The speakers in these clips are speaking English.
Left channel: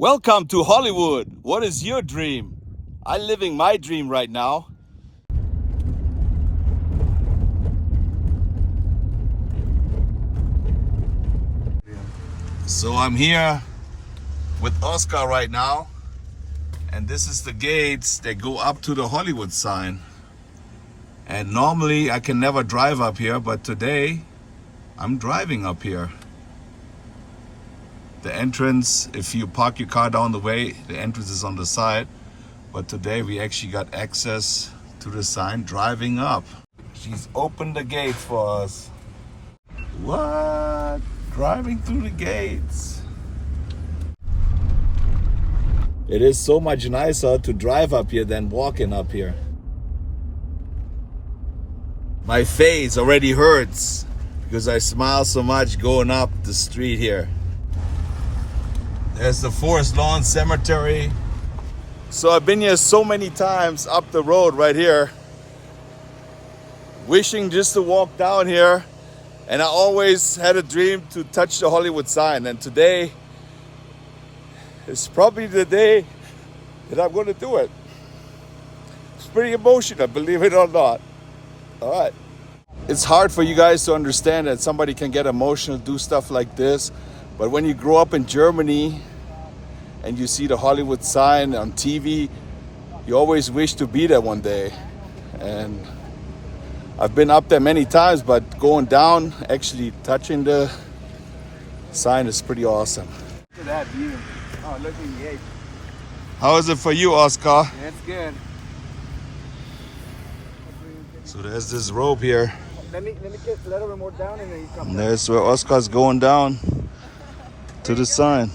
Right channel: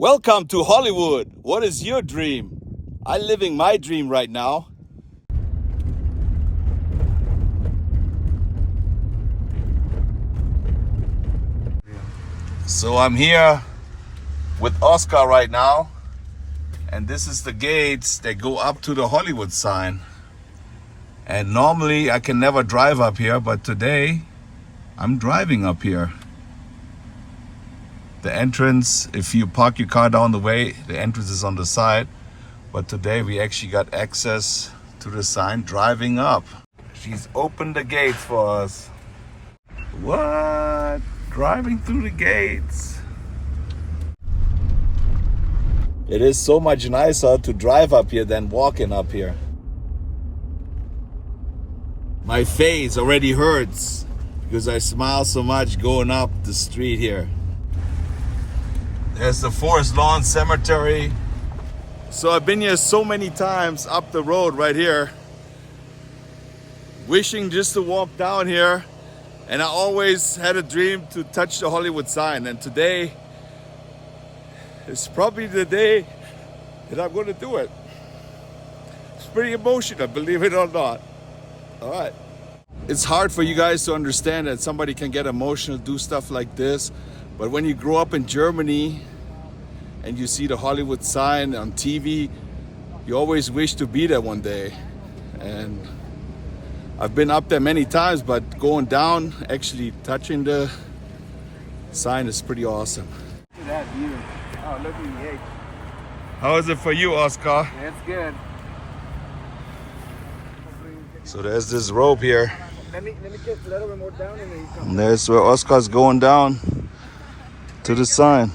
Welcome to Hollywood. What is your dream? I'm living my dream right now. So I'm here with Oscar right now, and this is the gates that go up to the Hollywood sign. And normally I can never drive up here, but today I'm driving up here. The entrance, if you park your car down the way, the entrance is on the side. But today we actually got access to the sign driving up. She's opened the gates for us. What? Driving through the gates. It is so much nicer to drive up here than walking up here. My face already hurts because I smile so much going up the street here. There's the Forest Lawn Cemetery. So I've been here so many times up the road right here, wishing just to walk down here. And I always had a dream to touch the Hollywood sign. And today is probably the day that I'm going to do it. It's pretty emotional, believe it or not. All right. It's hard for you guys to understand that somebody can get emotional, do stuff like this. But when you grow up in Germany and you see the Hollywood sign on TV, you always wish to be there one day. And I've been up there many times, but going down, actually touching the sign is pretty awesome. Look at that view. Oh, look at the gate. How is it for you, Oscar? Yeah, it's good. So there's this rope here. Let me get a little bit more down and then you come. And there's where Oscar's going down to the sign.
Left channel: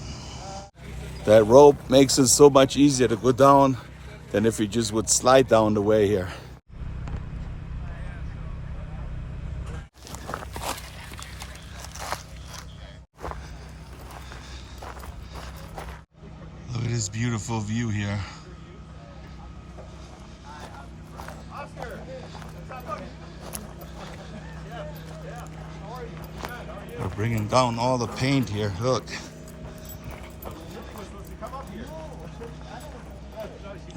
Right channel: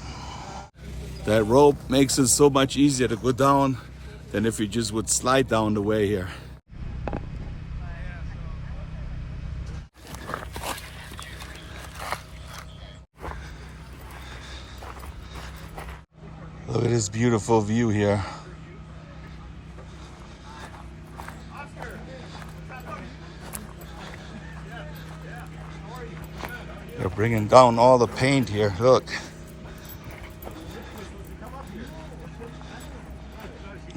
That rope makes it so much easier to go down than if you just would slide down the way here. Look at this beautiful view here. They're bringing down all the paint here, look.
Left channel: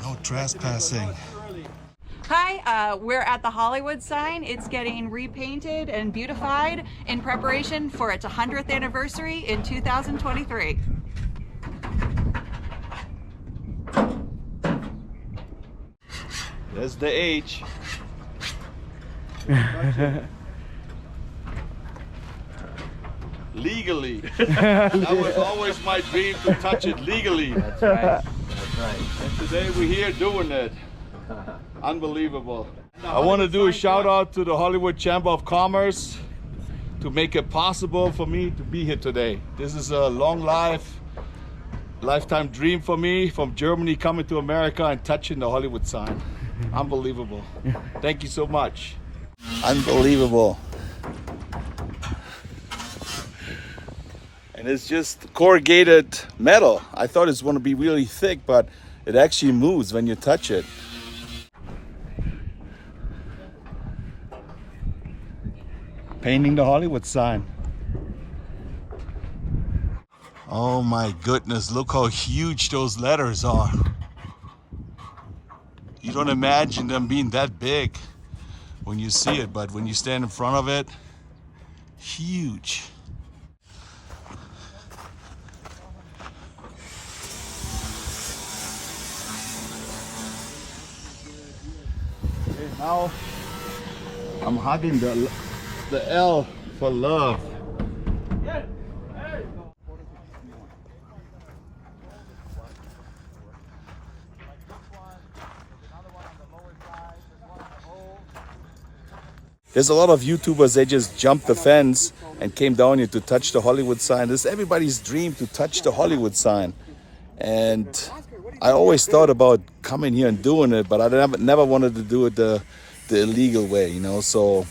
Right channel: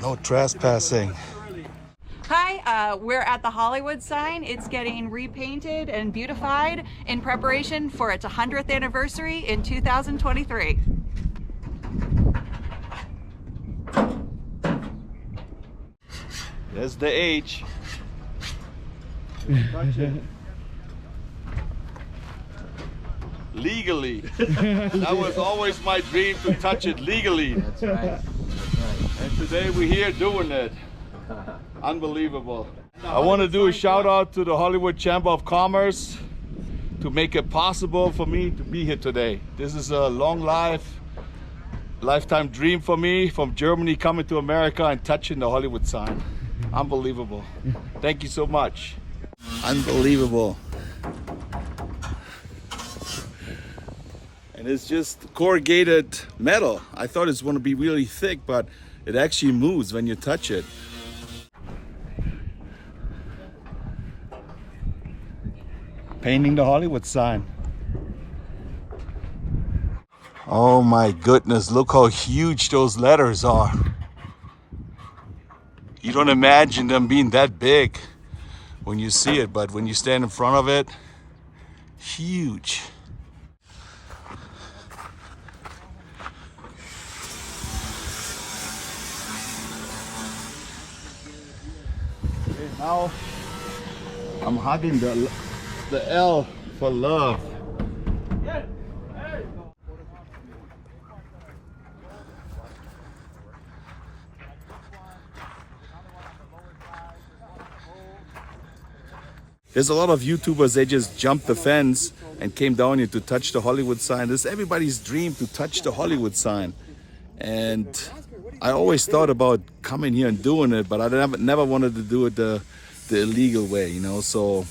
No trespassing. Hi, we're at the Hollywoodsign. It's getting repainted and beautified in preparation for its 100th anniversary in 2023. There's the H. Legally. That was always my dream, to touch it legally. That's right. That's right. And today we're here doing it. Unbelievable. I want to do a shout out to the Hollywood Chamber of Commerce to make it possible for me to be here today. This is a lifetime dream for me, from Germany coming to America and touching the Hollywood sign. Unbelievable. Thank you so much. Unbelievable. And it's just corrugated metal. I thought it's going to be really thick, but it actually moves when you touch it. Painting the Hollywood sign. Oh my goodness, look how huge those letters are. You don't imagine them being that big when you see it, but when you stand in front of it, huge. Okay, now I'm hugging the L for love. There's a lot of YouTubers, they just jumped the fence and came down here to touch the Hollywood sign. This is everybody's dream, to touch the Hollywood sign. And I always thought about coming here and doing it, but I never wanted to do it the illegal way, you know. So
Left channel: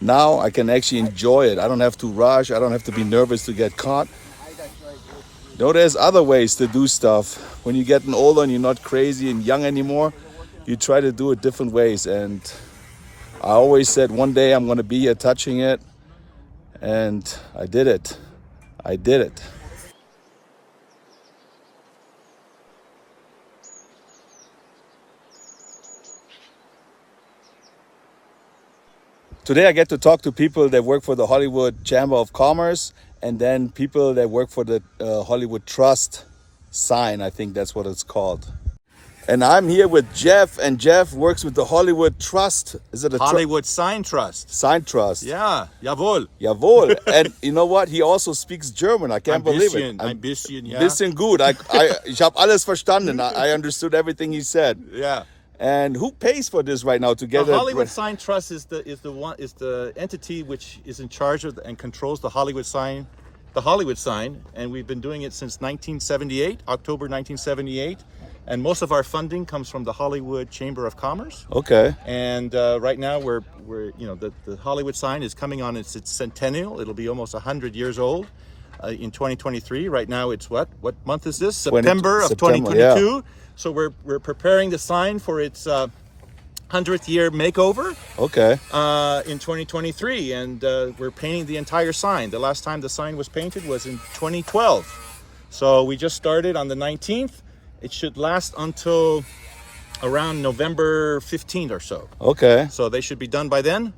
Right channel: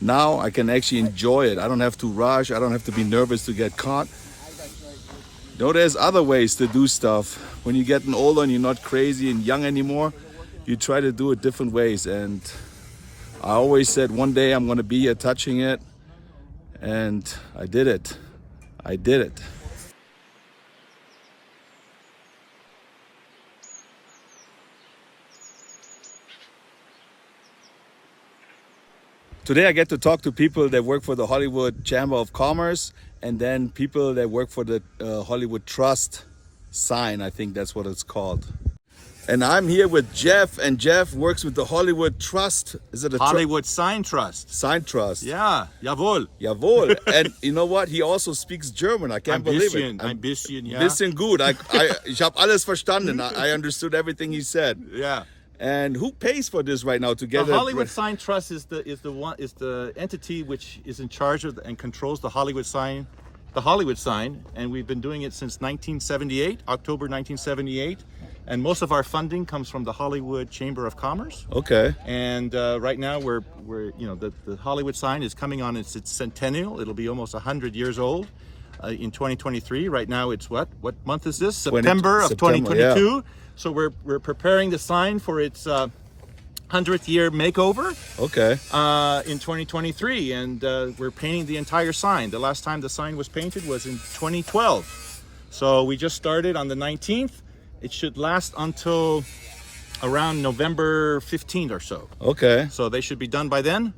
now I can actually enjoy it. I don't have to rush. I don't have to be nervous to get caught. You know, there's other ways to do stuff. When you're getting older and you're not crazy and young anymore, you try to do it different ways. And I always said one day I'm going to be here touching it, and I did it. I did it. today I get to talk to people that work for the Hollywood Chamber of Commerce, and then people that work for the Hollywood Trust sign. I think that's what it's called. And I'm here with Jeff, and Jeff works with the Hollywood Trust. Is it a Hollywoodsign Trust? Sign Trust? Yeah, jawohl. Jawohl. And you know what? He also speaks German. I can't believe it. Ein bisschen, ja. Bisschen gut. Ich habe alles verstanden. I understood everything he said. Yeah. And who pays for this right now to get The it? Hollywoodsign Trust is the entity which is in charge of and controls the Hollywood sign, and we've been doing it since 1978, October 1978. And most of our funding comes from the Hollywood Chamber of Commerce. Okay. And right now we're the Hollywood sign is coming on its centennial. It'll be almost 100 years old in 2023. Right now it's what month is this? September of 2022. Yeah. So we're preparing the sign for its 100th year makeover. Okay. In 2023, and we're painting the entire sign. The last time the sign was painted was in 2012. So we just started on the 19th. It should last until around November 15th or so. Okay. So they should be done by then,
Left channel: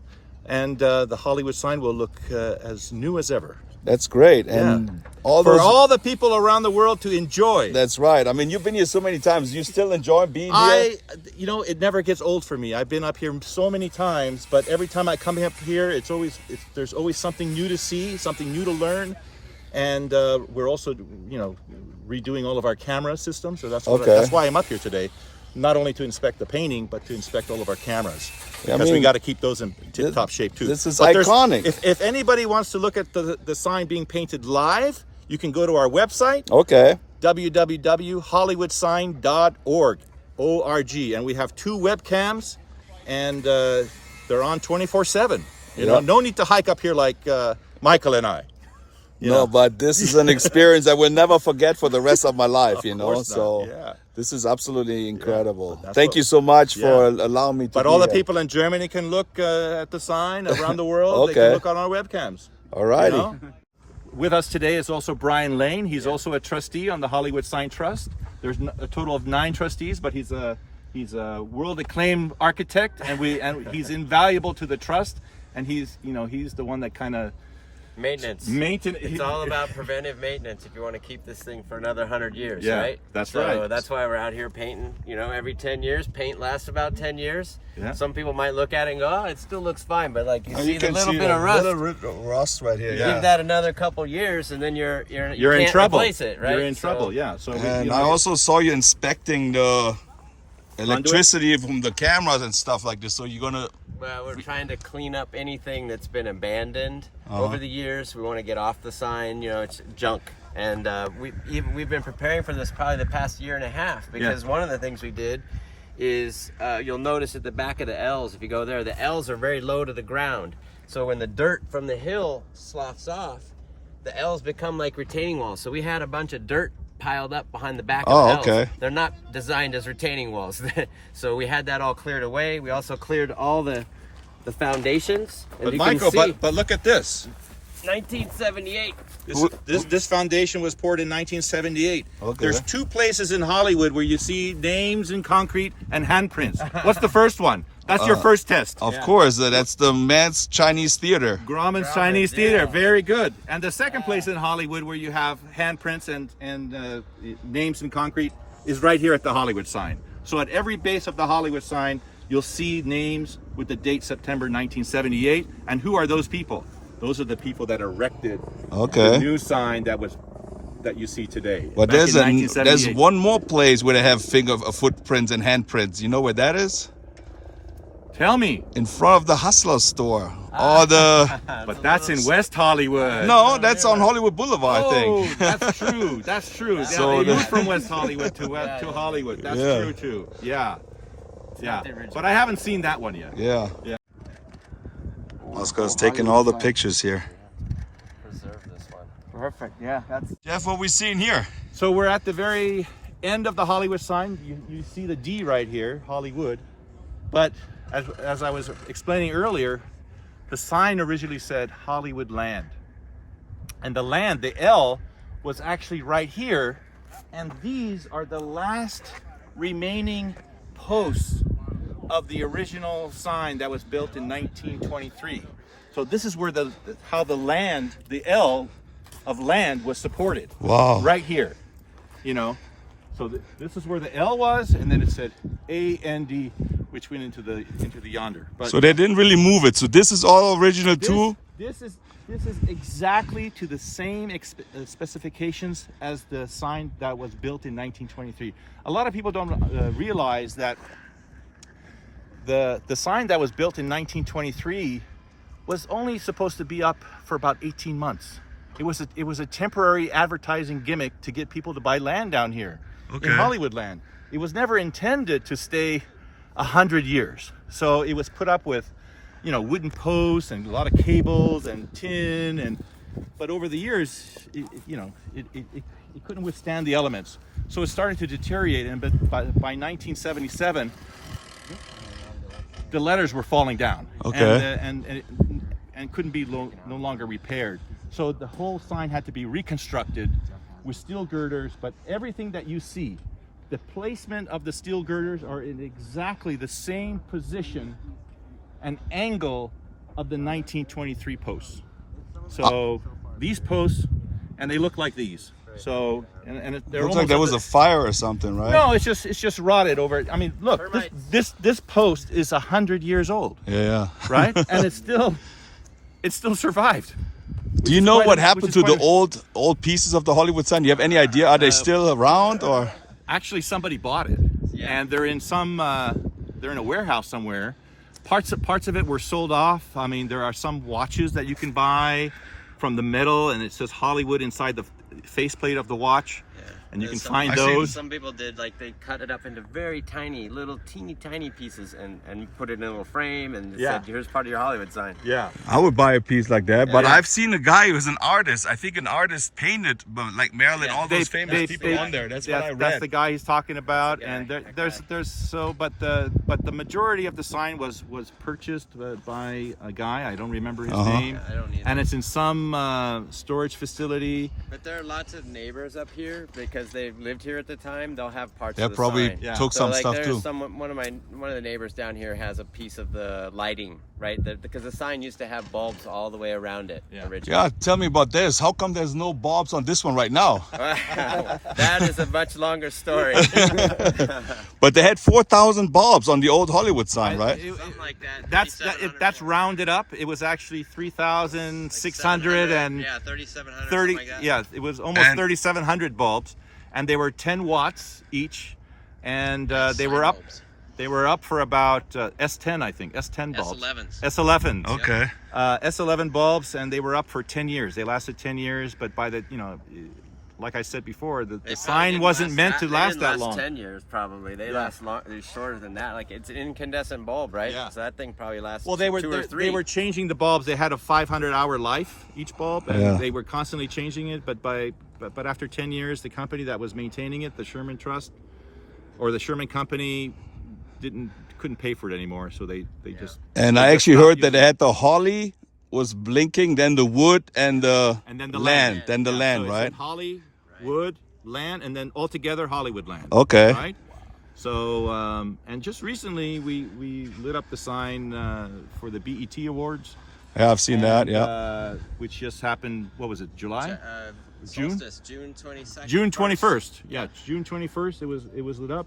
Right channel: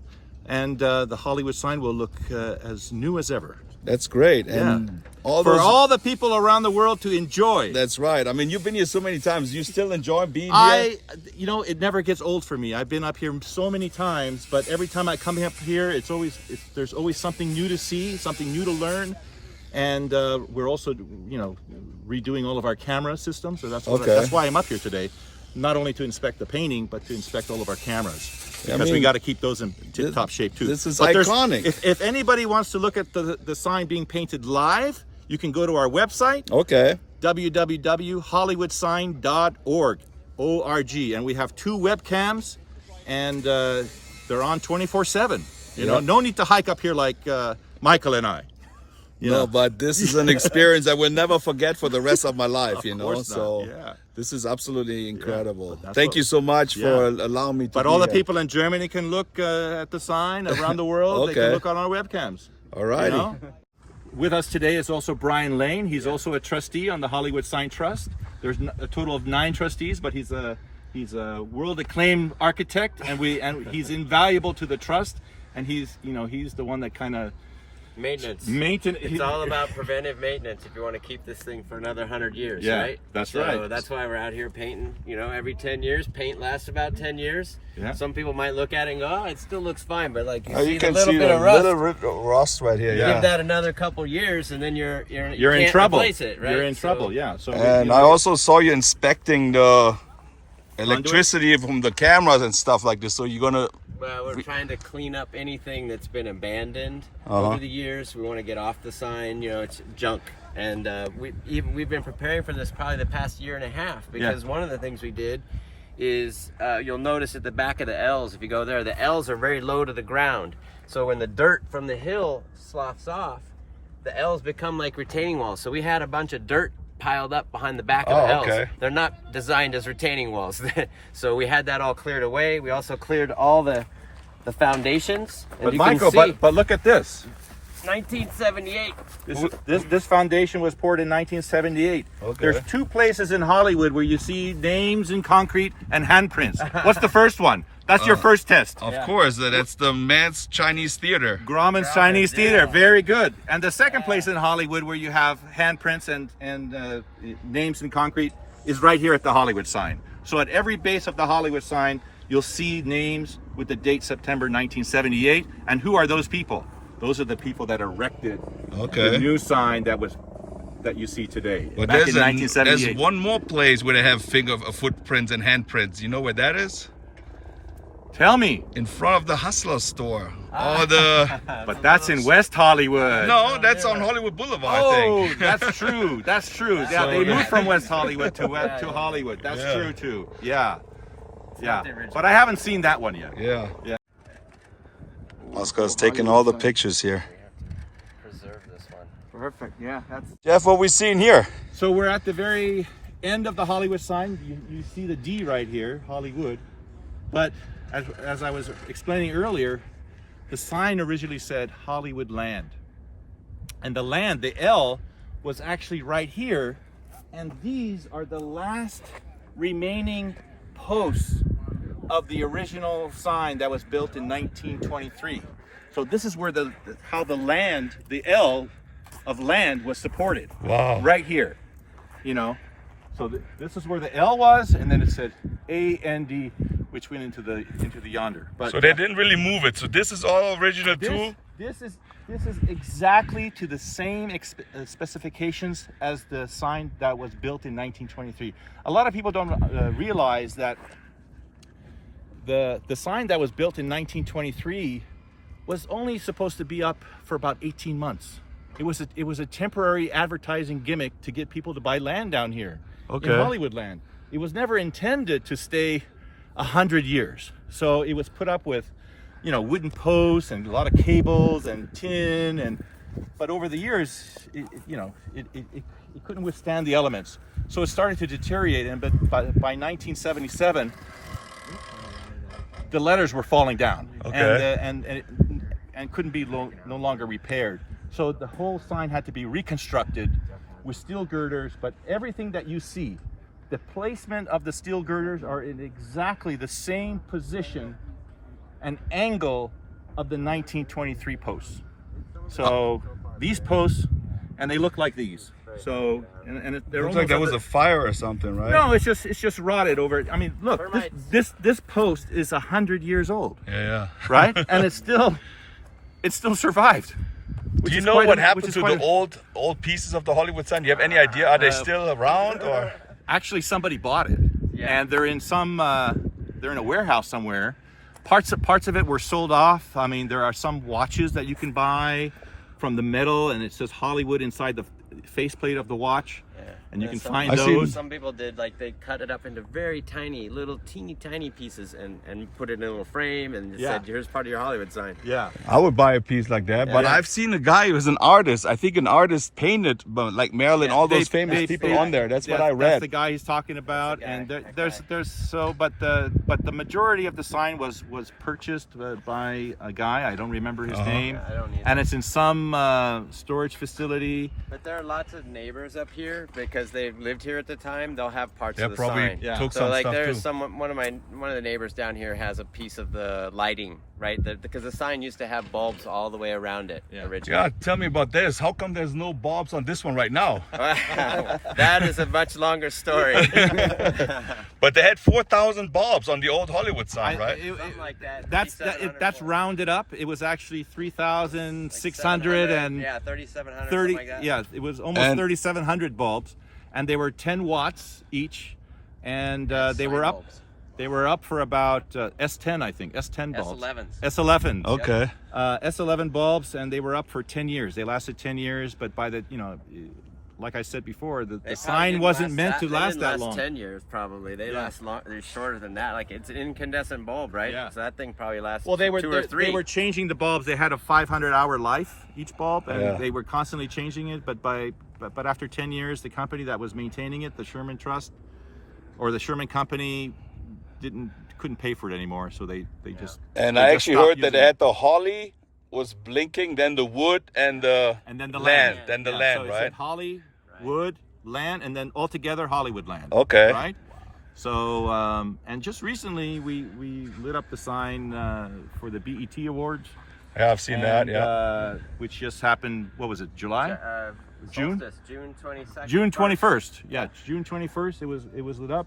and the Hollywood sign will look as new as ever. That's great. And For all the people around the world to enjoy. That's right. I mean, you've been here so many times. You still enjoy being here? It never gets old for me. I've been up here so many times, but every time I come up here, there's always something new to see, something new to learn. And we're also, redoing all of our camera systems. So that's why I'm up here today. Not only to inspect the painting, but to inspect all of our cameras. Because we got to keep those in tip-top shape too. This is iconic. If anybody wants to look at the sign being painted live, you can go to our website. Okay. www.hollywoodsign.org. O-R-G. And we have 2 webcams, and they're on 24/7. No need to hike up here like Michael and I. No, but this is an experience I will never forget for the rest of my life, So this is absolutely incredible. Yeah, Thank you so much for allowing me to But all the people in Germany can look at the sign around the world. They can look on our webcams. All righty. With us today is also Brian Lane. He's also a trustee on the Hollywood Sign Trust. There's a total of 9 trustees, but he's a world acclaimed architect, and he's invaluable to the trust. And he's the one that kind of Maintenance. It's all about preventive maintenance if you want to keep this thing for another 100 years, right? That's right. So that's why we're out here painting, every 10 years. Paint lasts about 10 years. Yeah. Some people might look at it and go, oh, it still looks fine, but like you see can the little see bit the of rust. little rust right here. Give that another couple years and then you in can't trouble. replace it, right? You're in trouble, yeah. So And I also saw you inspecting the electricity from the cameras and stuff like this. So you're gonna. Well, we're trying to clean up anything that's been abandoned over the years. We want to get off the sign. It's junk, and we've been preparing for this probably the past year and a half, because one of the things we did is you'll notice at the back of the L's, if you go there, the L's are very low to the ground. So when the dirt from the hill sloughs off, the L's become like retaining walls. So we had a bunch of dirt piled up behind the back of the L's. Okay. They're not designed as retaining walls. So we had that all cleared away. We also cleared all the foundations. And But you Michael, can see, but look at this. 1978. This foundation was poured in 1978. Okay. There's 2 places in Hollywood where you see names in concrete and handprints. What's the first one? That's your first test. Of course, that's the Man's Chinese Theater. Grauman's Chinese Theater. Very good. And the second place in Hollywood where you have handprints and names in concrete is right here at the Hollywood sign. So at every base of the Hollywood sign, you'll see names with the date September 1978. And who are those people? Those are the people that erected the new sign that you see today. But back there's in 1978. there's one more place where they have footprints and handprints. You know where that is? Tell me. In front of the Hustler store. But that's in West Hollywood. No, that's on Hollywood Boulevard, I think. That's true. That's true. Yeah, So they moved from West Hollywood to Hollywood. That's true too. Yeah. But I haven't seen that one yet. Yeah. Yeah. Oscar's taking all the pictures here. Preserve this one. Perfect. Yeah. Jeff, what we seeing here? So we're at the very end of the Hollywood sign. You see the D right here, Hollywood. But as I was explaining earlier, the sign originally said Hollywoodland. And the land, the L, was actually right here. And these are the last remaining posts of the original sign that was built in 1923. So this is where how the land, the L of land was supported. Wow. Right here, you know. So this is where the L was, and then it said A-N-D, which went into the yonder. But So they didn't really move it. So this is all original too? This is exactly to the same specifications as the sign that was built in 1923. A lot of people don't realize that the sign that was built in 1923 was only supposed to be up for about 18 months. It was a temporary advertising gimmick to get people to buy land down here in Hollywoodland. It was never intended to stay 100 years. So it was put up with, you know, wooden posts and a lot of cables and tin, but over the years, it couldn't withstand the elements. So it started to deteriorate, and but by 1977, the letters were falling down, and couldn't be no longer repaired. So the whole sign had to be reconstructed with steel girders, but everything that you see, the placement of the steel girders are in exactly the same position and angle of the 1923 posts. So these posts, and they look like these. So and they're looks like there was a fire or something, right? No, it's just rotted over. I mean, look, this post is 100 years old. Yeah. Right, and it still survived. Do you know what happened to the old pieces of the Hollywood sign? Do you have any idea? Are they still around, or? Actually, somebody bought it, and they're in a warehouse somewhere. Parts of it were sold off. I mean, there are some watches that you can buy from the metal, and it says Hollywood inside the faceplate of the watch, and you can find those. Some people did, like, they cut it up into very tiny, little teeny tiny pieces and put it in a little frame and said, here's part of your Hollywood sign. Yeah. I would buy a piece like that, but I've seen a guy who's an artist. I think an artist painted, but like Marilyn, all those famous people on there. That's what I read. That's the guy he's talking about, and but the majority of the sign was purchased by a guy. I don't remember his name, I don't either. and it's in some storage facility. But there are lots of neighbors up here because they've lived here at the time. They'll have parts They of the probably sign. took So some like stuff there's too. one of the neighbors down here has a piece of the lighting, right? Because the sign used to have bulbs all the way around it originally. Yeah, tell me about this. How come there's no bulbs on this one right now? That is a much longer story. But they had 4,000 bulbs on the old Hollywood sign, right? Like that. That's rounded up. It was actually 3,600 and 3,700. 30. Yeah, it was almost 3,700 bulbs, and they were 10 watts each, and they were up. They were up for about S10, I think, S10 bulbs. S11s. Okay. S11 bulbs, and they were up for 10 years. They lasted 10 years, but by the, like I said before, the sign wasn't meant to last that long. 10 years probably. They last long. They're shorter than that. Like, it's an incandescent bulb, right? Yeah. So that thing probably lasts 2 or 3. They were changing the bulbs. They had a 500-hour life each bulb, and they were constantly changing it. But after 10 years, the company that was maintaining it, the Sherman Trust, or the Sherman Company, couldn't pay for it anymore. So they just. And I actually heard that they had the holly was blinking, then the wood, and then the land. Then the land, so right? It said Holly, wood, land, and then altogether Hollywoodland. Okay. Right. So and just recently we lit up the sign for the BET Awards. Yeah, I've seen that. Yeah. Which just happened. What was it? July? June? June 22nd. June 21st. Yeah, June 21st. It was lit up,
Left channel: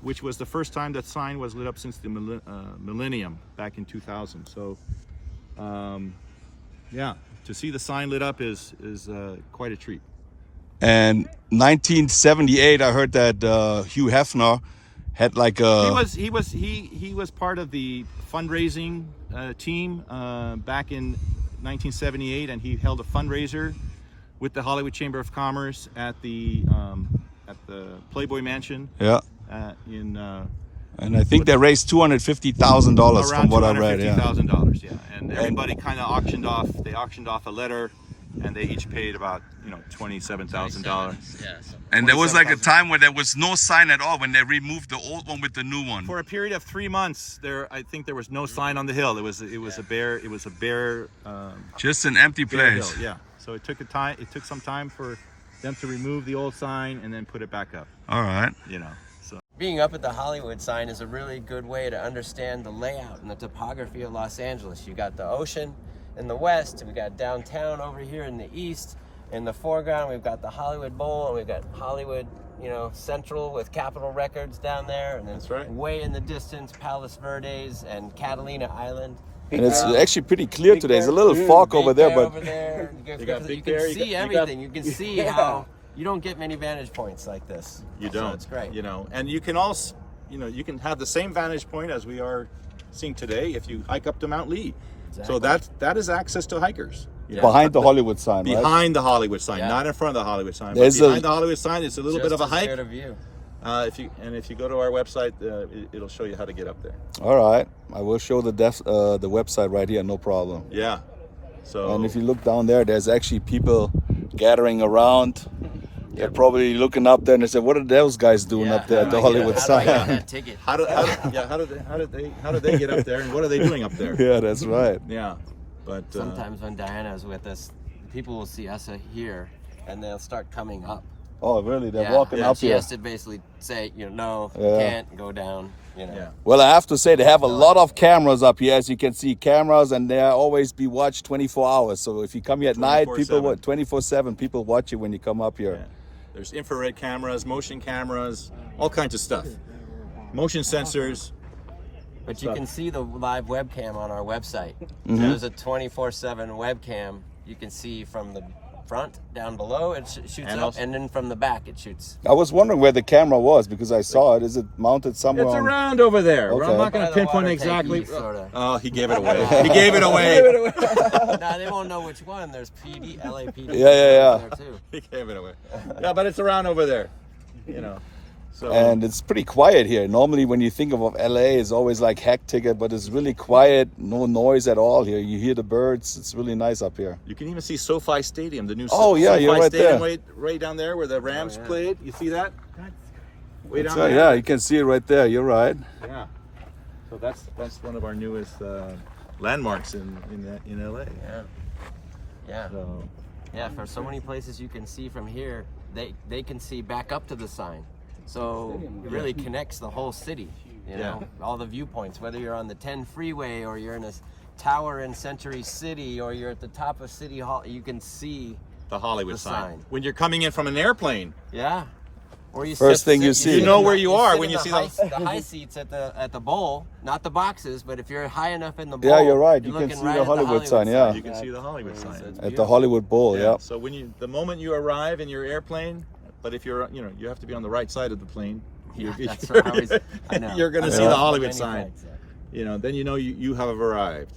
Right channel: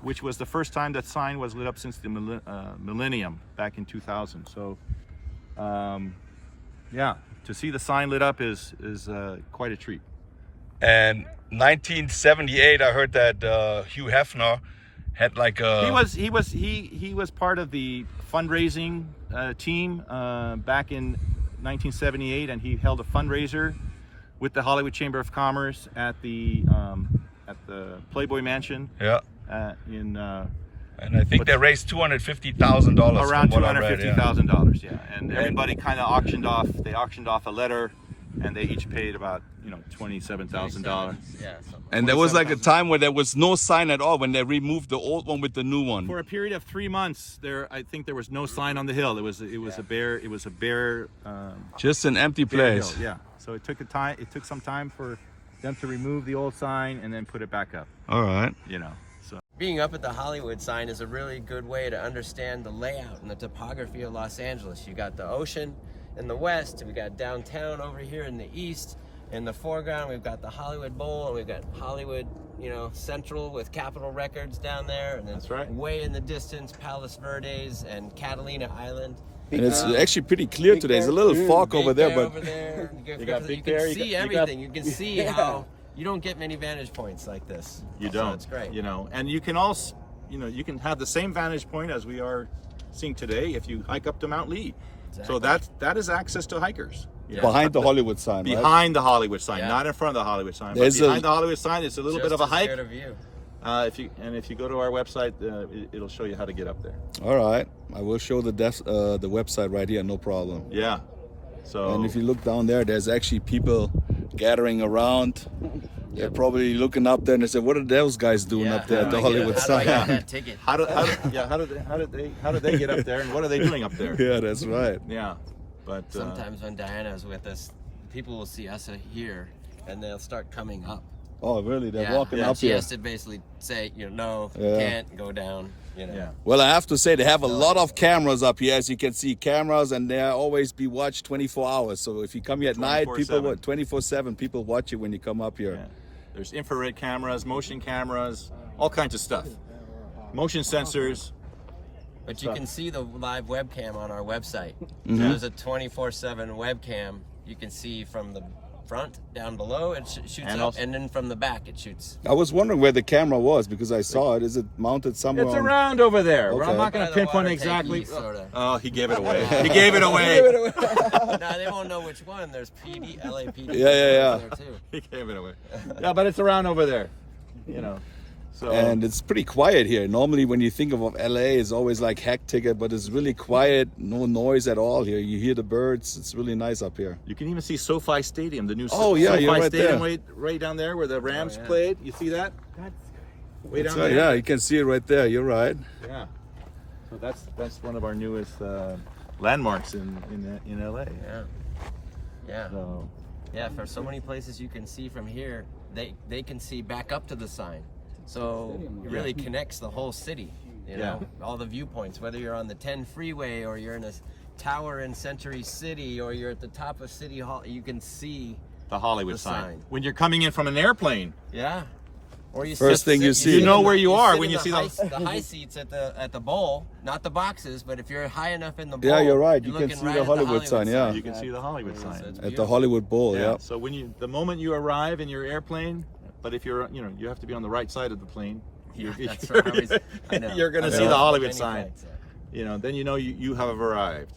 which was the first time that sign was lit up since the millennium back in 2000. So, yeah, to see the sign lit up is quite a treat. And 1978, I heard that Hugh Hefner had like a. He was part of the fundraising team back in 1978, and he held a fundraiser with the Hollywood Chamber of Commerce at the Playboy Mansion. Yeah. And I think they raised $250,000. Around $250,000, yeah. And everybody kind of auctioned off. They auctioned off a letter, and they each paid about $27,000. Yeah. And there was like a time where there was no sign at all when they removed the old one with the new one. For a period of 3 months, I think there was no sign on the hill. It was a bare. Just an empty place. Hill, yeah. So it took some time for them to remove the old sign and then put it back up. All right. So. being up at the Hollywood sign is a really good way to understand the layout and the topography of Los Angeles. You got the ocean in the west, we got downtown over here in the east. In the foreground, we've got the Hollywood Bowl, and we've got Hollywood, you know, Central with Capitol Records down there, and then That's right. way in the distance, Palos Verdes and Catalina Island. And it's actually pretty clear today. There's a little fog over there, but Over there. You got can Big Bear, see you got- everything. You can see how you don't get many vantage points like this. You So don't. it's great. You know, and you can also, you know, you can have the same vantage point as we are seeing today if you hike up to Mount Lee. So that is access to hikers. You know, behind the Hollywood sign, right? behind the Hollywood sign, Yeah. not in front of the Hollywood sign. But There's behind a- the Hollywood sign, it's a little bit of a Just hike. as good a view. If you go to our website, it'll show you how to get up there. All right, I will show the website right here, no problem. Yeah. So And if you look down there, there's actually people gathering around. They're probably looking up there and they say, "What are those guys doing up there at the Hollywood How do I get sign?" that ticket? how did they get up there, and what are they doing up there? Yeah, that's right. Yeah. But Sometimes when Diana's with us, people will see us here, and they'll start coming up. Oh, really? They're Yeah, walking and up she here. has to basically say, you know, no, Yeah. can't go down. You know. yeah. Well, I have to say they have a lot of cameras up here. As you can see, cameras, and they always be watched 24 hours. So if you come here at night, people 24/7. 24/7 people watch you when you come up here. Yeah. There's infrared cameras, motion cameras, all kinds of stuff. Motion sensors. But you can see the live webcam on our website. Mm-hmm. So there's a 24/7 webcam. You can see from the front down below, it shoots And up, also- and then from the back it shoots. I was wondering where the camera was because I saw it. Is it mounted somewhere It's on? around over there. Okay. I'm not going By to the pinpoint water exactly. tank east, sorta. Oh, he gave it away. He gave it away. No, they won't know which one. There's PD, LAPD. Yeah. There too. He gave it away. Yeah, but it's around over there. You know. So And it's pretty quiet here. Normally, when you think of LA, it's always like hectic, but it's really quiet, no noise at all here. You hear the birds. It's really nice up here. you can even see SoFi Stadium, the new Oh, yeah, SoFi you're right Stadium there. right down there where the Rams yeah. played. You see that? Way That's down right. there. Yeah, you can see it right there. You're right. Yeah. So that's one of our newest landmarks in LA. Yeah. Yeah. So Yeah, for so many places you can see from here, they can see back up to the sign. So it really connects the whole city, you know, all the viewpoints, whether you're on the 10 freeway or you're in a tower in Century City or you're at the top of City Hall, you can see, the Hollywood The sign. sign. When you're coming in from an airplane, yeah. Or you First thing you see. You know where you are sit when in you the see high, those- the high seats at the bowl, not the boxes, but if you're high enough in the bowl, Yeah, you're right. You can looking see right the at Hollywood sign, yeah. you can see the Hollywood So sign. it's At the beautiful. Hollywood Bowl, yeah. So the moment you arrive in your airplane, but if you're, you have to be on the right side of the plane. Yeah, You're- that's right. I always- I know. You're going to I see know. the Hollywood Many sign. times, yeah. Then you have arrived.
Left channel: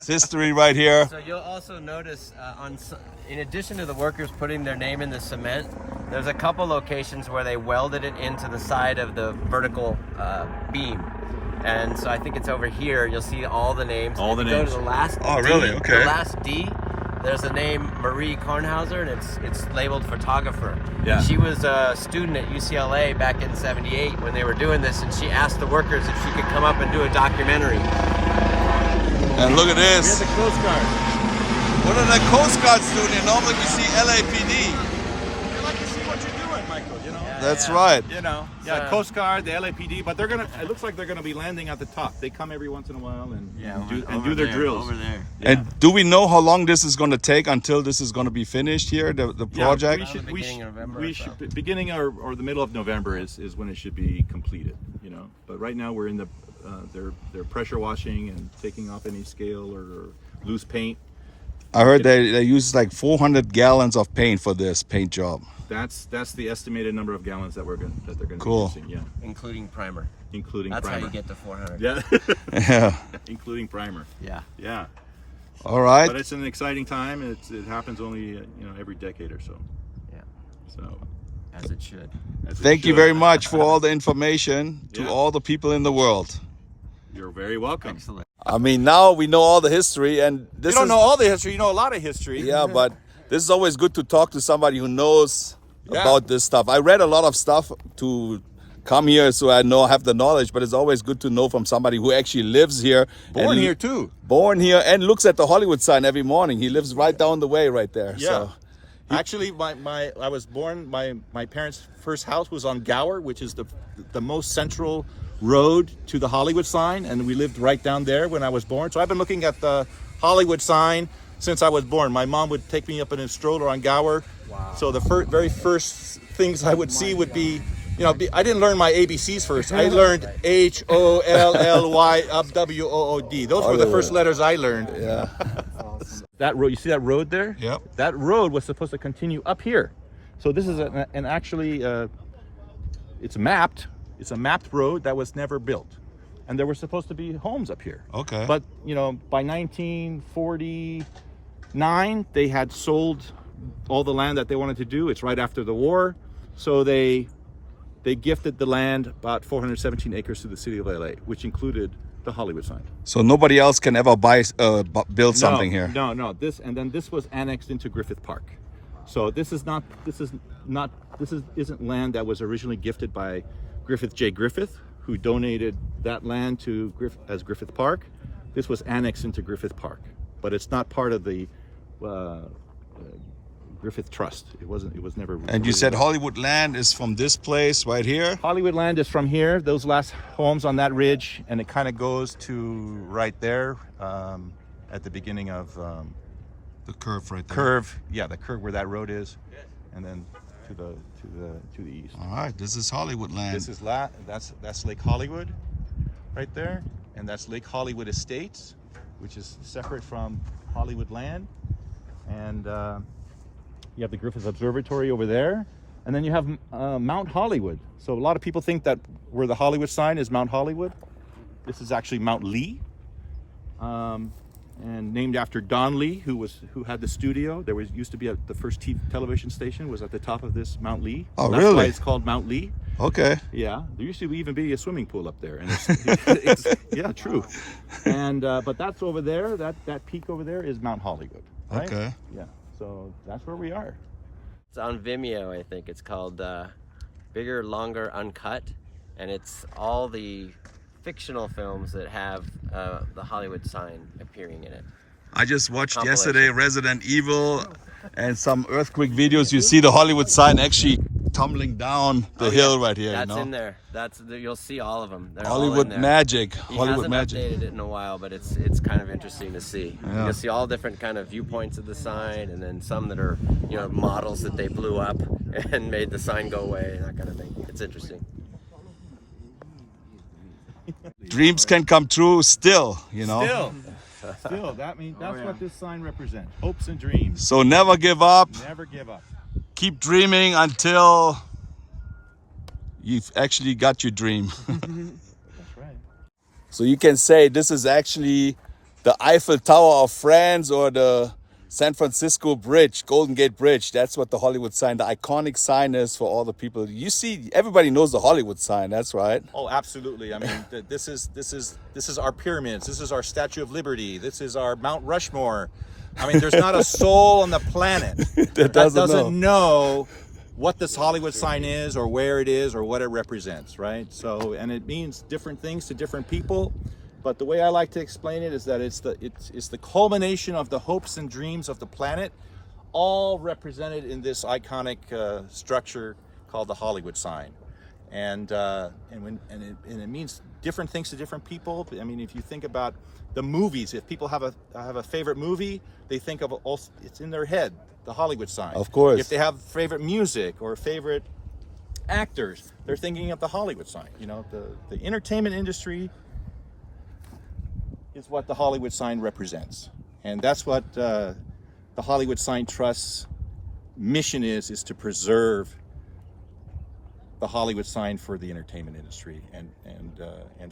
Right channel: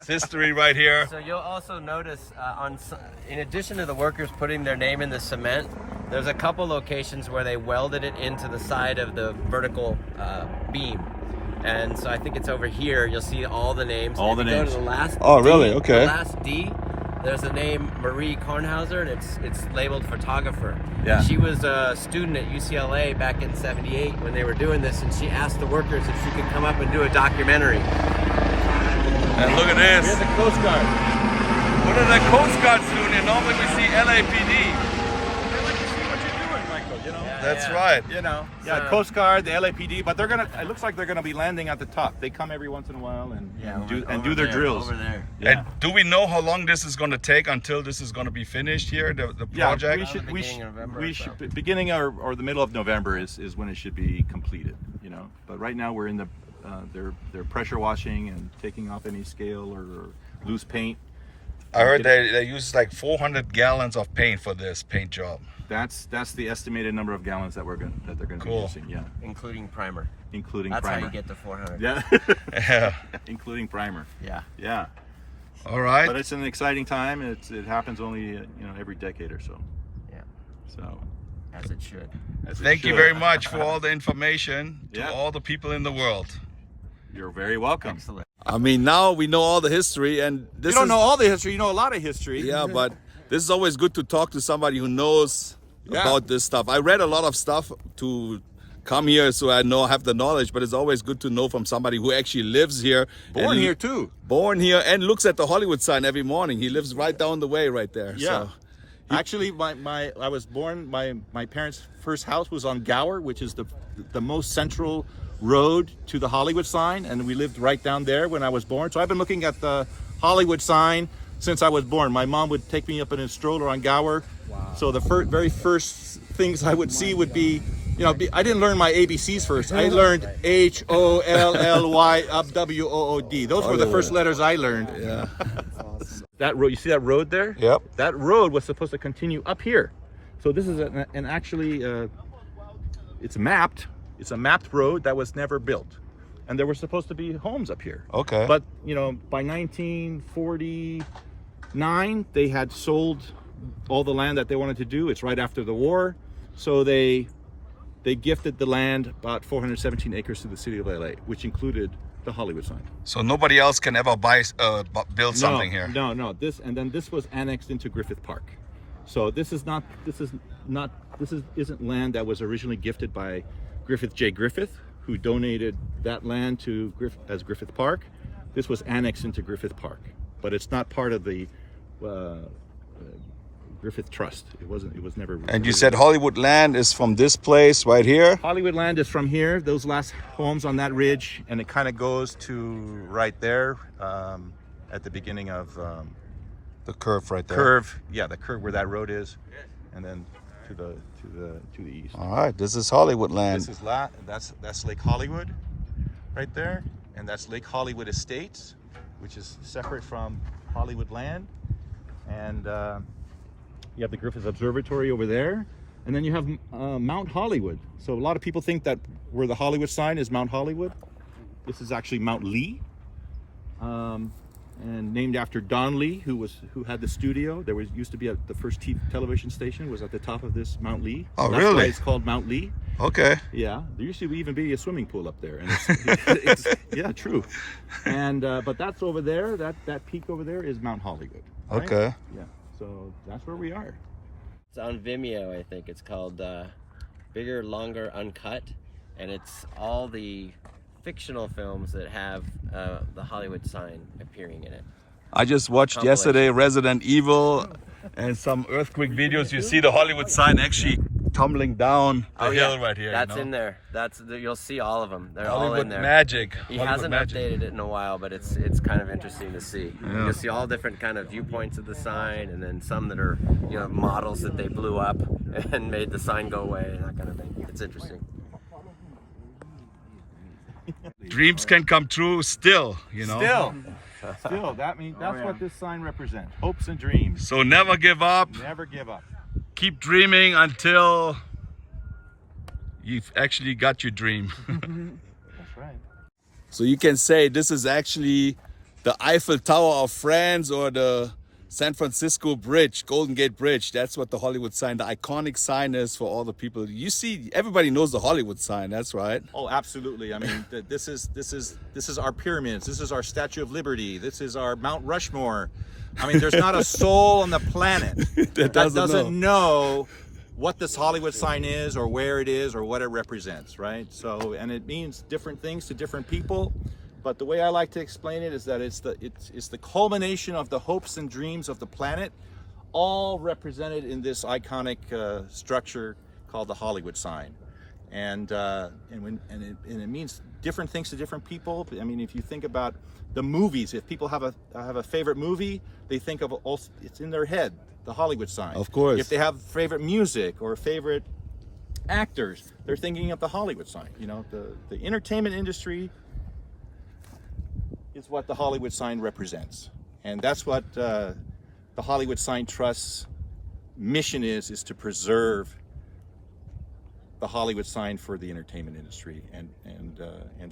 It's history right here. So you'll also notice in addition to the workers putting their name in the cement, there's a couple locations where they welded it into the side of the vertical beam. And so I think it's over here. You'll see all the names. All If the you go names. to the last Oh, really? D, Okay. The last D, there's the name Marie Kornhauser, and it's labeled photographer. Yeah. She was a student at UCLA back in '78 when they were doing this, and she asked the workers if she could come up and do a documentary. And look at this. The Coast Guard. What are the Coast Guards doing here? Normally we see LAPD. That's right. Yeah, So- Coast Guard, the LAPD, but it looks like they're gonna be landing at the top. They come every once in a while and do their drills. Over there. Yeah. And do we know how long this is going to take until this is going to be finished here, the project? Beginning of November or so. Beginning or the middle of November is when it should be completed, But right now we're in they're pressure washing and taking off any scale or loose paint. I heard they use like 400 gallons of paint for this paint job. That's the estimated number of gallons that they're going to Cool. be using. Yeah, Including primer. including That's primer. how you get to 400. Yeah, Yeah. including primer. Yeah. Yeah, All right. but it's an exciting time. It happens only every decade or so. Yeah. So As it should. as it Thank you should. very much for all the information to Yeah. all the people in the world. You're very welcome. Excellent. I mean, now we know all the history, and this You don't is, know all the history. You know a lot of history. yeah, but this is always good to talk to somebody who knows Yeah. about this stuff. I read a lot of stuff to come here, so I have the knowledge. But it's always good to know from somebody who actually lives here, Born and here too. born here, and looks at the Hollywood sign every morning. He lives right down the way, right there. Yeah. So Actually, I was born. My parents' first house was on Gower, which is the most central road to the Hollywood sign, and we lived right down there when I was born. So I've been looking at the Hollywood sign since I was born. My mom would take me up in a stroller on Gower. Wow. So the very first things I would see would be, I didn't learn my ABCs first. I learned HOLLYWOOD. Those were the first letters I learned. Yeah. That road, you see that road there? Yep. That road was supposed to continue up here. So this is it's mapped. It's a mapped road that was never built. And there were supposed to be homes up here. Okay. But, by 1949, they had sold all the land that they wanted to do. It's right after the war. So they gifted the land, about 417 acres, to the city of LA, which included the Hollywood sign. So nobody else can ever build something here. No. This was annexed into Griffith Park. So this isn't land that was originally gifted by Griffith J. Griffith, who donated that land to Griffith Park. This was annexed into Griffith Park, but it's not part of the Griffith Trust. It was never. And you said Hollywoodland is from this place right here? Hollywoodland is from here, those last homes on that ridge, and it kind of goes to right there at the beginning of The curve right there. the curve where that road is, and then to the east. All right, this is Hollywoodland. This is that's Lake Hollywood right there, and that's Lake Hollywood Estates, which is separate from Hollywoodland, and you have the Griffith Observatory over there, and then you have Mount Hollywood. So a lot of people think that where the Hollywood sign is Mount Hollywood. This is actually Mount Lee, and named after Don Lee, who had the studio. There used to be the first television station was at the top of this Mount Lee. Oh, That's really? why it's called Mount Lee. Okay. Yeah, there used to even be a swimming pool up there, and it's yeah, true. And but that's over there. That peak over there is Mount Hollywood. Right? Okay. Yeah. So that's where we are. It's on Vimeo, I think. It's called Bigger, Longer, Uncut, and it's all the fictional films that have the Hollywood sign appearing in it. I just watched yesterday Resident Evil and some earthquake videos. You see the Hollywood sign actually tumbling down the hill right here. That's in there. You'll see all of them. They're Hollywood all in there. magic. He Hollywood hasn't magic. updated it in a while, but it's kind of interesting to see. Yeah. You'll see all different kind of viewpoints of the sign, and then some that are models that they blew up and made the sign go away and that kind of thing. It's interesting. Dreams can come true still, Still, that's what this sign represents. Hopes and dreams. So never give up. Never give up. Keep dreaming until you've actually got your dream. That's right. So you can say this is actually the Eiffel Tower of France or the San Francisco Bridge, Golden Gate Bridge. That's what the Hollywood sign, the iconic sign is for all the people. You see, everybody knows the Hollywood sign. That's right. Oh, absolutely. I mean, this is our pyramids. This is our Statue of Liberty. This is our Mount Rushmore. I mean, there's not a soul on the planet that doesn't know what this Hollywood sign is, or where it is, or what it represents, right? So, and it means different things to different people. But the way I like to explain it is that it's the culmination of the hopes and dreams of the planet, all represented in this iconic structure called the Hollywood sign, and it means different things to different people. I mean, if you think about the movies, if people have a favorite movie, they think of it's in their head, the Hollywood sign. Of course. If they have favorite music or favorite actors, they're thinking of the Hollywood sign. The entertainment industry is what the Hollywood sign represents, and that's what the Hollywood Sign Trust's mission is to preserve the Hollywood sign for the entertainment industry and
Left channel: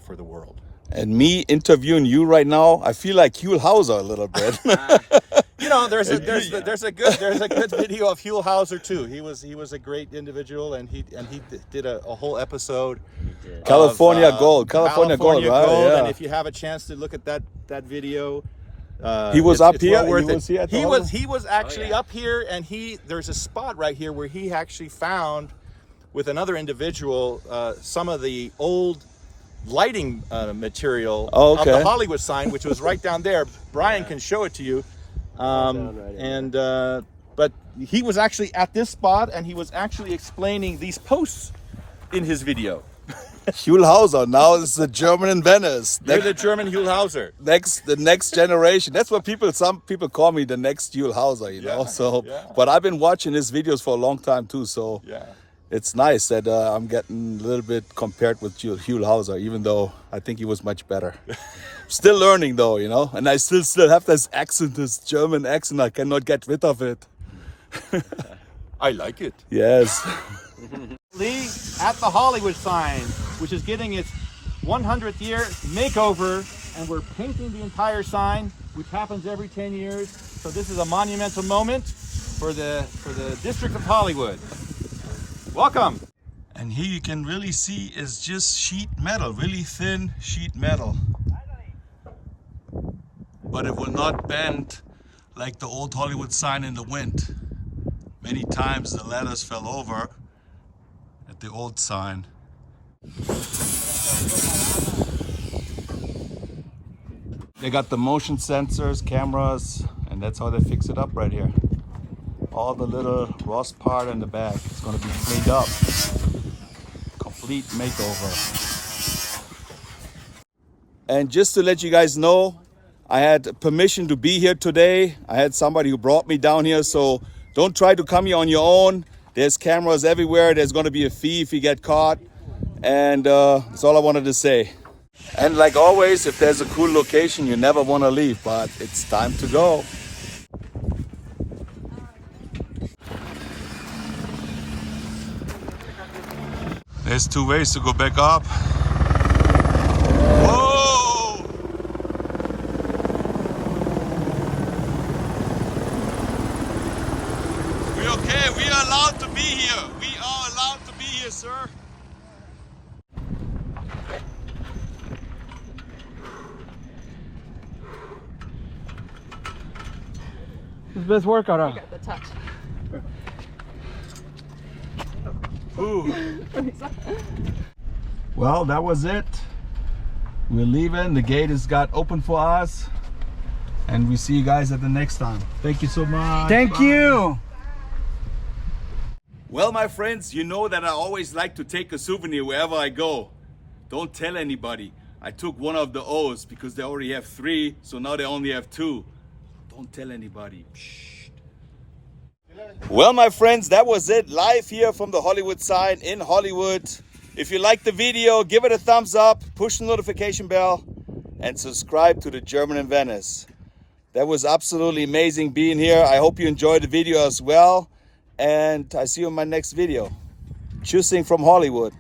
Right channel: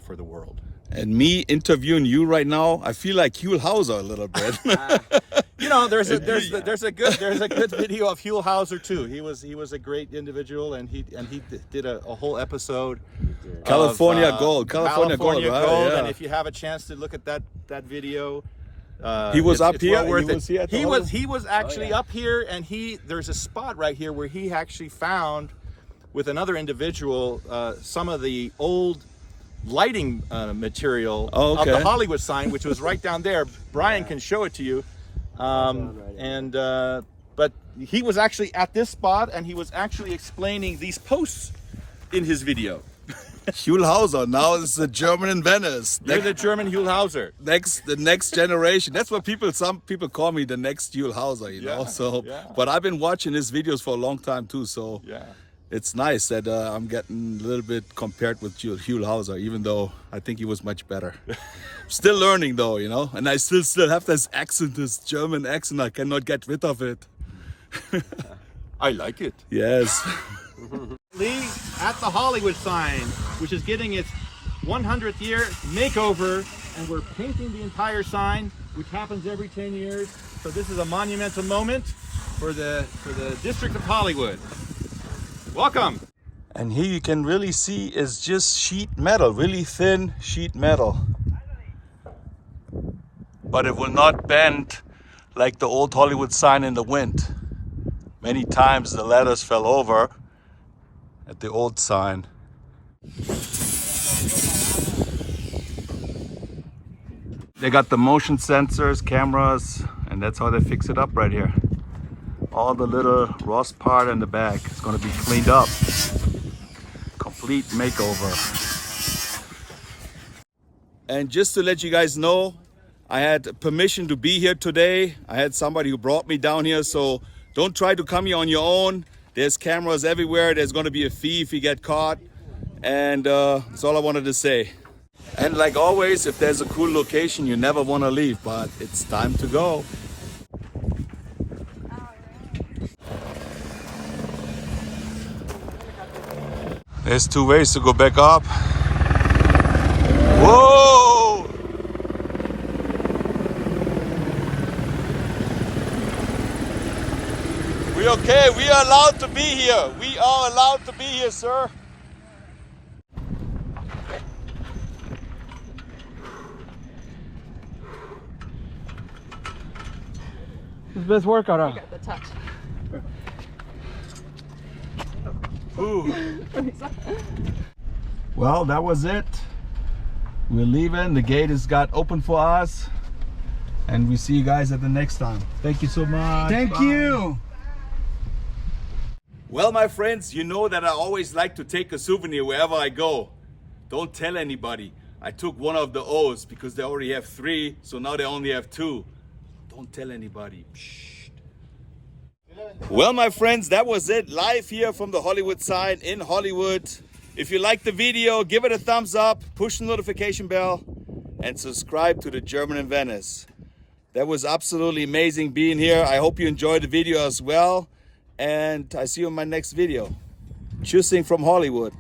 for the world. And me interviewing you right now, I feel like Huell Hauser a little bit. There's a good video of Huell Hauser too. He was a great individual, and he did a whole episode. California Gold, right? Yeah. And if you have a chance to look at that video, he was up it's here. well worth He it. was here. At the He was actually up here, and there's a spot right here where he actually found, with another individual, some of the old lighting material of the Hollywood sign, which was right down there. Brian can show it to you. But he was actually at this spot and he was actually explaining these posts in his video. Schulhauser, now it's the German in Venice. They're the German Hulhauser. The next generation. That's what some people call me, the next Schulhauser, you know. So, but I've been watching his videos for a long time too. So, it's nice that I'm getting a little bit compared with Hulhauser, even though I think he was much better. Still learning though, you know. And I still have this accent, this German accent. I cannot get rid of it. I like it. Yes. Lee at the Hollywood sign, which is getting its 100th year makeover, and we're painting the entire sign, which happens every 10 years. So this is a monumental moment for the District of Hollywood. Welcome. And here you can really see is just sheet metal, really thin sheet metal. But it will not bend like the old Hollywood sign in the wind. Many times the letters fell over at the old sign. They got the motion sensors, cameras, and that's how they fix it up right here. All the little rust part in the back is going to be cleaned up. Complete makeover. And just to let you guys know, I had permission to be here today. I had somebody who brought me down here, so don't try to come here on your own. There's cameras everywhere. There's going to be a fee if you get caught. And that's all I wanted to say. And like always, if there's a cool location, you never want to leave, but it's time to go. There's 2 ways to go back up. Whoa! We okay? We are allowed to be here. We are allowed to be here, sir. His best workout, huh? The touch. Ooh. Well, that was it. We're leaving. The gate has got open for us. And we see you guys at the next time. Thank you so much. Thank you. Well, my friends, you know that I always like to take a souvenir wherever I go. Don't tell anybody. I took one of the O's because they already have 3, so now they only have 2. Don't tell anybody. Shh. Well, my friends, that was it. Live here from the Hollywood sign in Hollywood. If you liked the video, give it a thumbs up, push the notification bell, and subscribe to the German in Venice. That was absolutely amazing being here. I hope you enjoyed the video as well. And I see you in my next video. Tschüssing from Hollywood.